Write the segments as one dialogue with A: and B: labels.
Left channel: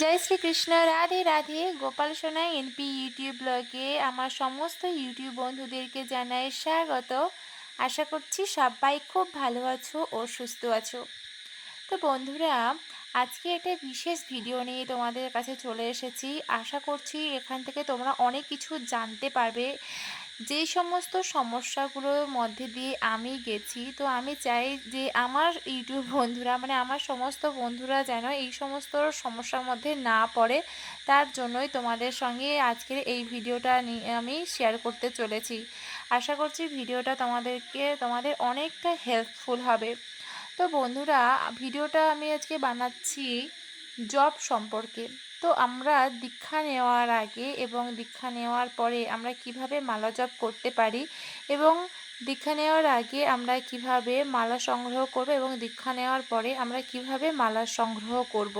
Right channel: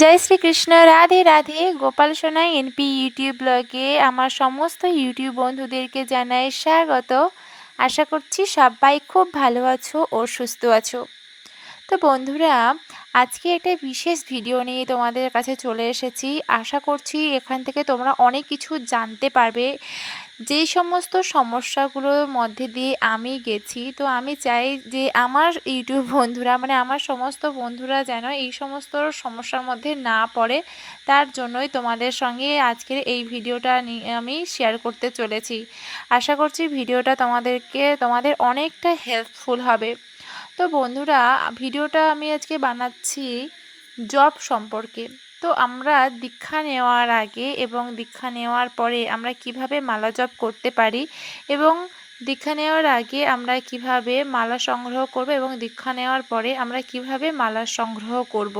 A: জয় Shrikrishna Radhe Radhe. Gopal Sonai NP YouTube ব্লগে আমার সমস্ত ইউটিউব বন্ধুদেরকে জানাই স্বাগত। আশা করছি সবাই খুব ভালো আছো ও সুস্থ আছো। তো বন্ধুরা, আজকে একটা বিশেষ ভিডিও নিয়ে তোমাদের কাছে চলে এসেছি। আশা করছি এখান থেকে তোমরা অনেক কিছু জানতে পারবে। যেই সমস্ত সমস্যাগুলোর মধ্যে দিয়ে আমি গেছি, তো আমি চাই যে আমার ইউটিউব বন্ধুরা মানে আমার সমস্ত বন্ধুরা যেন এই সমস্ত সমস্যার মধ্যে না পড়ে। তার জন্যই তোমাদের সঙ্গে আজকের এই ভিডিওটা আমি শেয়ার করতে চলেছি। আশা করছি ভিডিওটা তোমাদেরকে, তোমাদের অনেকটা হেল্পফুল হবে। তো বন্ধুরা, ভিডিওটা আমি আজকে বানাচ্ছি জব সম্পর্কে। তো আমরা দীক্ষা নেওয়ার আগে এবং দীক্ষা নেওয়ার পরে আমরা কীভাবে মালা জপ করতে পারি এবং দীক্ষা নেওয়ার আগে আমরা কীভাবে মালা সংগ্রহ করব এবং দীক্ষা নেওয়ার পরে আমরা কীভাবে মালা সংগ্রহ করব।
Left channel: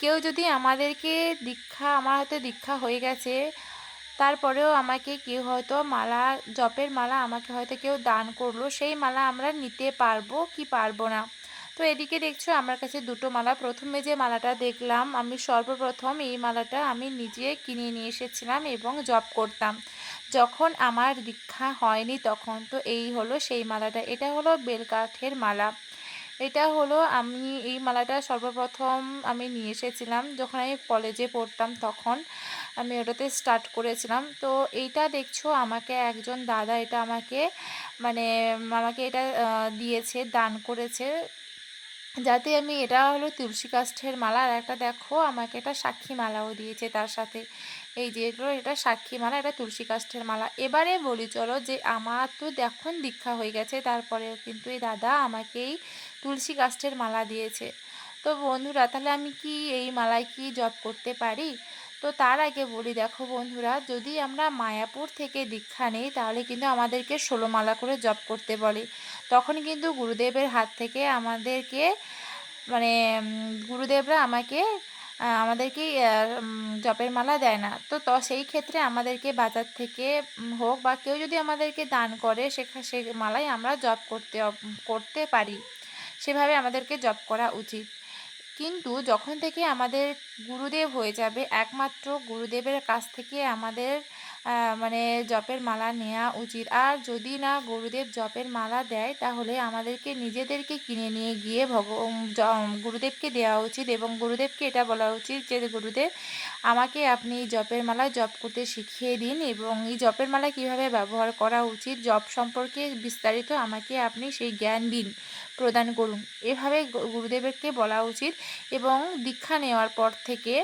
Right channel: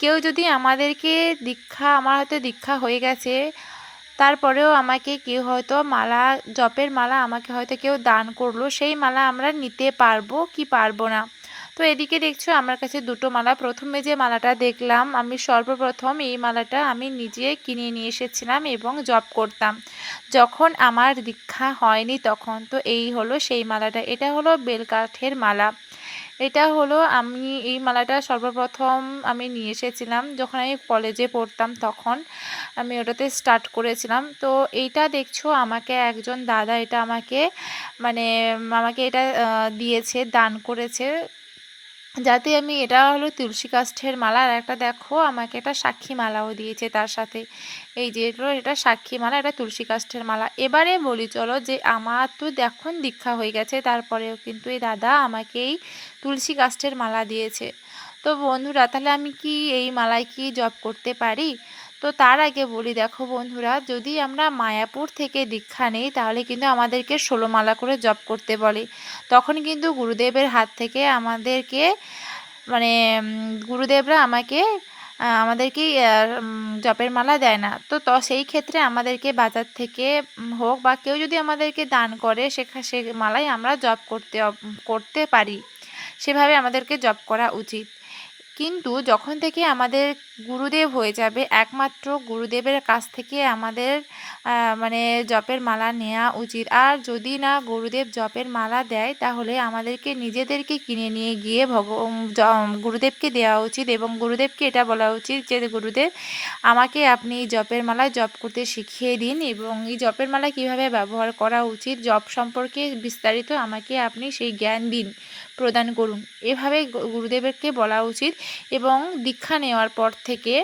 A: কেউ যদি আমাদেরকে দীক্ষা, আমার হয়তো দীক্ষা হয়ে গেছে, তারপরেও আমাকে কেউ হয়তো মালা, জপের মালা আমাকে হয়তো কেউ দান করল, সেই মালা আমরা নিতে পারব কি পারব না তো এদিকে দেখছ আমার কাছে দুটো মালা। প্রথমে যে মালাটা দেখলাম, আমি সর্বপ্রথম এই মালাটা আমি নিজে কিনে নিয়ে এসেছিলাম এবং জব করতাম। যখন আমার দীক্ষা হয়নি তখন, তো এই হলো সেই মালাটা। এটা হলো বেলকাঠের মালা। এটা হলো আমি এই মালাটা সর্বপ্রথম আমি নিয়ে এসেছিলাম যখন আমি কলেজে পড়তাম তখন। আমি ওটাতে স্টার্ট করেছিলাম। তো এইটা দেখছ আমাকে একজন দাদা এটা আমাকে মানে আমাকে এটা দিয়েছে, দান করেছে। যাতে আমি, এটা হলো তুলসী কাষ্ঠের মালা। আর একটা দেখো, আমাকে এটা সাক্ষী মালাও দিয়েছে তার সাথে। এই যে এটা সাক্ষী মালা, এটা তুলসী কাষ্ঠের মালা। এবারে বলি, চলো যে আমার তো দেখুন দীক্ষা হয়ে গেছে, তারপরেও কিন্তু এই দাদা আমাকে এই তুলসী কাষ্ঠের মালা দিয়েছে। তো বন্ধুরা, তাহলে আমি কি এই মালায় কি জব করতে পারি? তো তার আগে বলি, দেখো বন্ধুরা, যদি আমরা মায়াপুর থেকে দীক্ষা নেই, তাহলে কিন্তু আমাদেরকে ষোলো মালা করে জপ করতে বলে। তখন কিন্তু গুরুদেবের হাত থেকে আমাদেরকে মানে গুরুদেবরা আমাকে আমাদেরকে জপের মালা দেয় না। তো তো, সেই ক্ষেত্রে আমাদেরকে বাজার থেকে হোক বা কেউ যদি আমাদেরকে দান করে, সেখা, সে মালাই আমরা জপ করতে করতে পারি। সেভাবে আমাদেরকে জপ করা উচিত। কিন্তু যখন থেকে আমাদের গুরুদেব হয়ে যাবে, একমাত্র গুরুদেবের কাছ থেকে আমাদের মানে জপের মালা নেওয়া উচিত। আর যদি না গুরুদেব জপের মালা দেয়, তাহলে আমাদেরকে নিজেদেরকে কিনে নিয়ে গিয়ে ভগ গুরুদেবকে দেওয়া উচিত এবং গুরুদেবকে এটা বলা উচিত যে, গুরুদেব, আমাকে আপনি জপের মালা জপ করতে শিখিয়ে দিন এবং এই জপের মালা কীভাবে ব্যবহার করা উচিত, জপ সম্পর্কে বিস্তারিত আমাকে আপনি সেই জ্ঞান দিন। প্রদান করুন। এভাবে গুরুদেবকে বলা উচিত এবং দীক্ষা নেওয়ার পর থেকে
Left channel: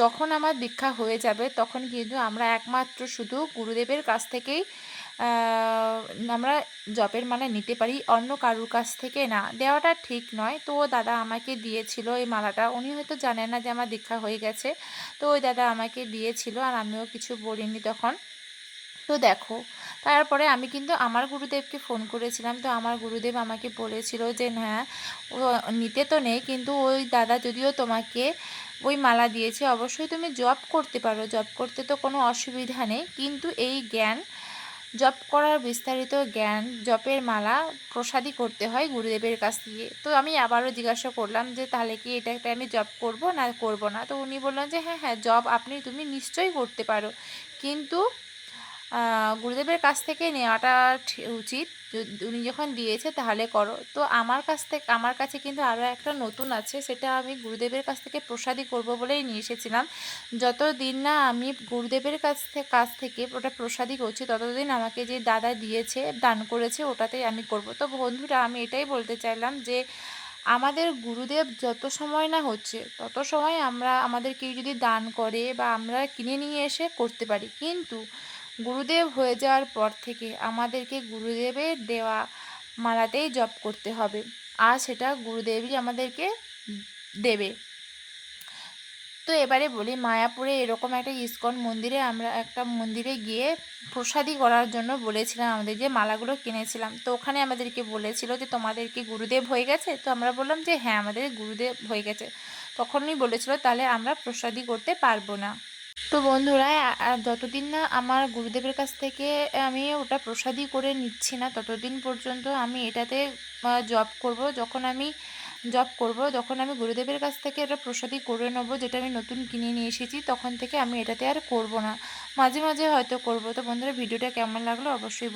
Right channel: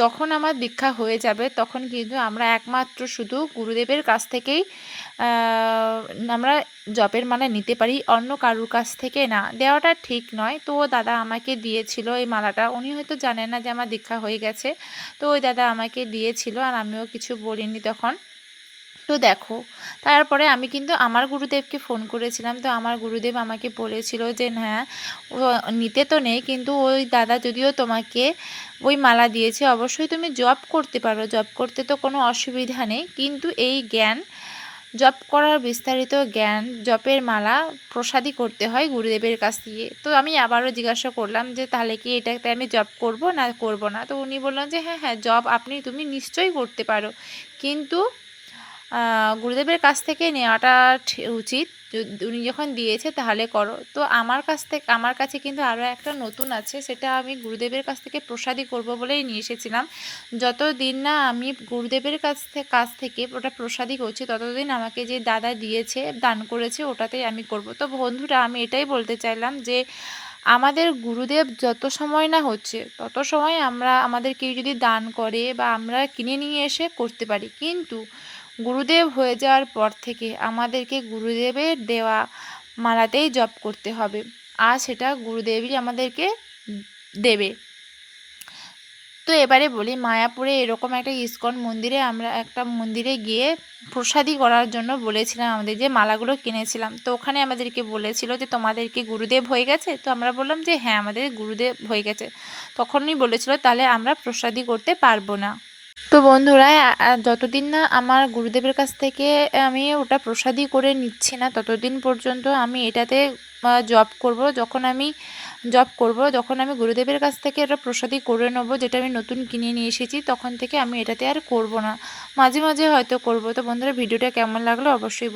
A: যখন আমার দীক্ষা হয়ে যাবে, তখন কিন্তু আমরা একমাত্র শুধু গুরুদেবের কাছ থেকেই আমরা জপের মালা নিতে পারি, অন্য কারুর কাছ থেকে না। দেওয়াটা ঠিক নয়। তো দাদা আমাকে দিয়েছিল এই মালাটা। উনি হয়তো জানেন না যে আমার দীক্ষা হয়ে গেছে। তো ওই দাদা আমাকে দিয়েছিল আর আমিও কিছু বলিনি তখন। তো দেখো, তারপরে আমি কিন্তু আমার গুরুদেবকে ফোন করেছিলাম। তো আমার গুরুদেব আমাকে বলেছিল যে হ্যাঁ নিতে তো নেই, কিন্তু ওই দাদা যদিও তোমাকে ওই মালা দিয়েছে, অবশ্যই তুমি জব করতে পারো। জব করতে তো কোনো অসুবিধা নেই। কিন্তু এই জ্ঞান, জপ করার বিস্তারিত জ্ঞান, জপের মালা প্রসাদই করতে হয় গুরুদেবের কাছ দিয়ে। তো আমি আবারও জিজ্ঞাসা করলাম যে, তাহলে কি এটাতে আমি জব করব না করব না? তো উনি বললেন যে হ্যাঁ হ্যাঁ জব আপনি, তুমি নিশ্চয়ই করতে পারো। কিন্তু গুরুদেবের কাছ থেকে নেওয়াটা উচিত। উনি যখন দিয়েছে তাহলে করো। তো আমার কাছ থেকে আমার কাছে কিন্তু আরও একটা নতুন আছে, সেটা আমি গুরুদেবের কাছ থেকে প্রসাদই করব বলেই নিয়ে এসেছিলাম। যতদিন না আমি গুরুদেবের কাছ থেকে কাছ থেকে ওটা প্রসাদই করছি, ততদিন আমাকে যে দাদা দিয়েছে, দান করেছে, ওটাতেই আমি করব। তো বন্ধুরা, আমি এটাই বলতে চাইলাম যে, আমাদের গুরুদেব যত সময় না হচ্ছে, তত সময় আমরা, আমাদের কেউ যদি দান করে বা আমরা কিনে নিয়ে এসে করতে পারি। কিন্তু গুরুদেব হয়ে যাওয়ার পর থেকে আমাদেরকে গুরুদেবের দেওয়া মালাতেই জপ করতে হবে। আর সেটা গুরুদেবই আমাদেরকে দেবে। তো এবারে বলি, মায়াপুরে এরকম একটা ইস্কন মন্দিরে আমরা একটা মন্দিরে গিয়ে প্রসাদি করার জন্য বলেছিলাম আমাদের যে মালাগুলো কিনেছিলাম। তো ওখানে আমাদেরকে বলেছিল যে, তোমাদেরকে গুরুদেব হয়ে গেছে? তো আমরা বললাম যে হ্যাঁ আমাদের গুরুদেব হয়ে গেছে। তখনই বলেছিল, তাহলে আমরা প্রসাদি করতে পারব না। তো বন্ধুরা যতদিন না আমার গুরুদেবের কাছ থেকে আমি ওটা প্রসাদই করে নিচ্ছি না, ততদিন পর্যন্ত আমি এটাতে জব করব। যখন আমি জব করব, যখন আমি গুরুদেবের কাছ থেকে এটা প্রসাদই করে নেব, যেটা আমি নতুন কিনে নিয়ে এসেছি, তখন থেকে আমি এটাতে আর করব না। মাঝে মাঝে হয়তো করব। তো বন্ধুরা, ভিডিওটা কেমন লাগল অবশ্যই